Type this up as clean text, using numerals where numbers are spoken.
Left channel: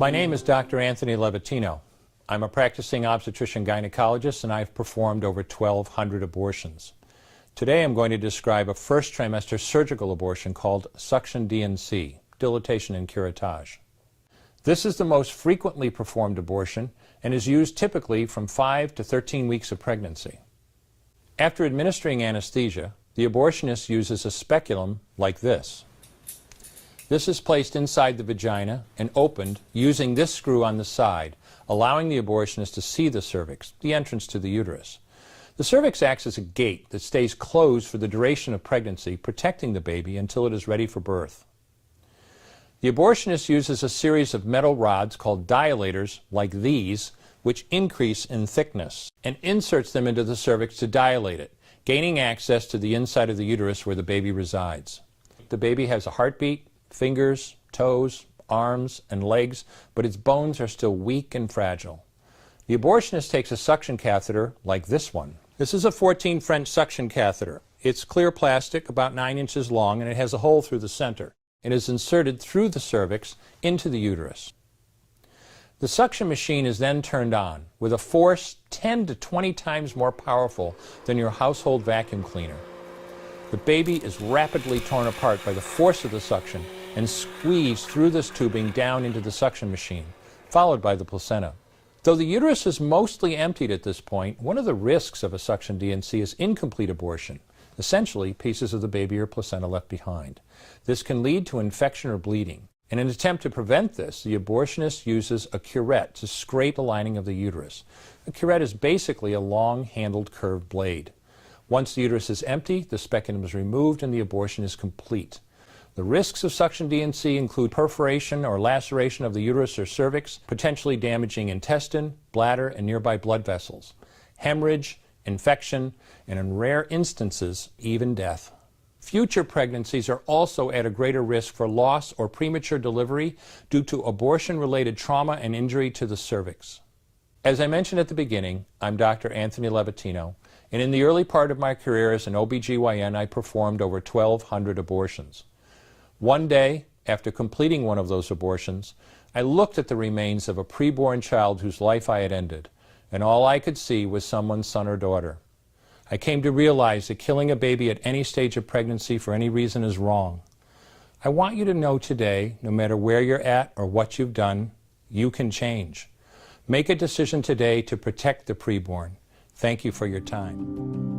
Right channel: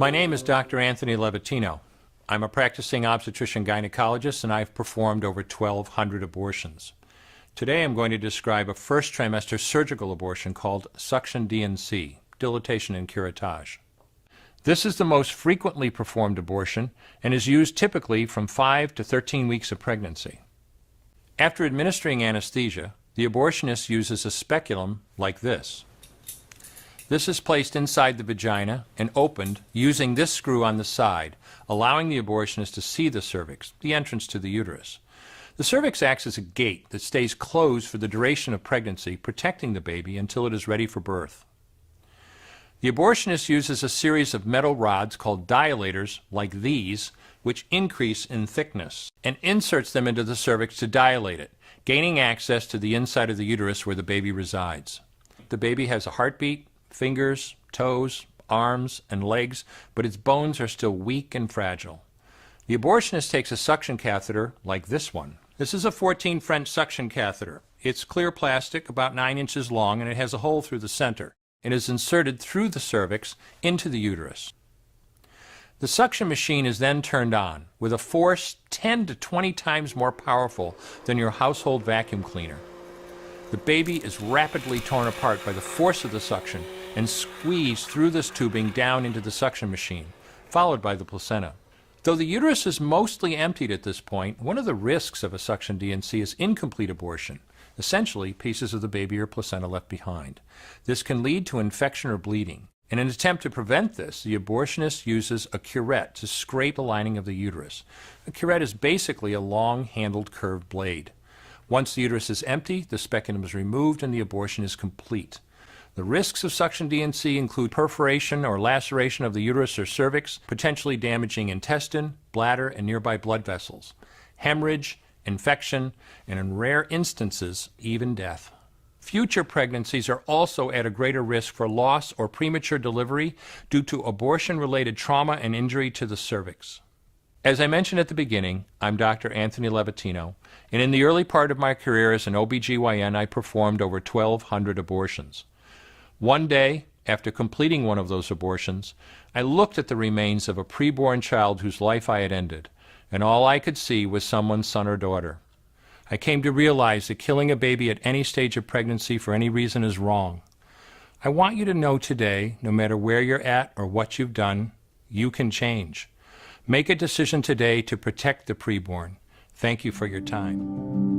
My name is Dr. Anthony Levatino. I'm a practicing obstetrician gynecologist and I've performed over 1,200 abortions. Today I'm going to describe a first trimester surgical abortion called suction D&C, dilatation and curettage. This is the most frequently performed abortion and is used typically from 5 to 13 weeks of pregnancy. After administering anesthesia, the abortionist uses a speculum like this. This is placed inside the vagina and opened using this screw on the side, allowing the abortionist to see the cervix, the entrance to the uterus. The cervix acts as a gate that stays closed for the duration of pregnancy, protecting the baby until it is ready for birth. The abortionist uses a series of metal rods called dilators, like these, which increase in thickness, and inserts them into the cervix to dilate it, gaining access to the inside of the uterus where the baby resides. The baby has a heartbeat, fingers, toes, arms, and legs, but its bones are still weak and fragile. The abortionist takes a suction catheter like this one. This is a 14 French suction catheter. It's clear plastic, about 9 inches long, and it has a hole through the center. It is inserted through the cervix into the uterus. The suction machine is then turned on with a force 10 to 20 times more powerful than your household vacuum cleaner. The baby is rapidly torn apart by the force of the suction and squeezed through this tubing down into the suction machine, followed by the placenta. Though the uterus is mostly emptied at this point, one of the risks of a suction D&C is incomplete abortion, essentially pieces of the baby or placenta left behind. This can lead to infection or bleeding. In an attempt to prevent this, the abortionist uses a curette to scrape the lining of the uterus. A curette is basically a long-handled curved blade. Once the uterus is empty, the speculum is removed and the abortion is complete. The risks of suction D&C include perforation or laceration of the uterus or cervix, potentially damaging intestine, bladder, and nearby blood vessels, hemorrhage, infection, and in rare instances, even death. Future pregnancies are also at a greater risk for loss or premature delivery due to abortion-related trauma and injury to the cervix. As I mentioned at the beginning, I'm Dr. Anthony Levatino, and in the early part of my career as an OBGYN, I performed over 1,200 abortions. One day, after completing one of those abortions, I looked at the remains of a preborn child whose life I had ended, and all I could see was someone's son or daughter. I came to realize that killing a baby at any stage of pregnancy for any reason is wrong. I want you to know today, no matter where you're at or what you've done, you can change. Make a decision today to protect the preborn. Thank you for your time.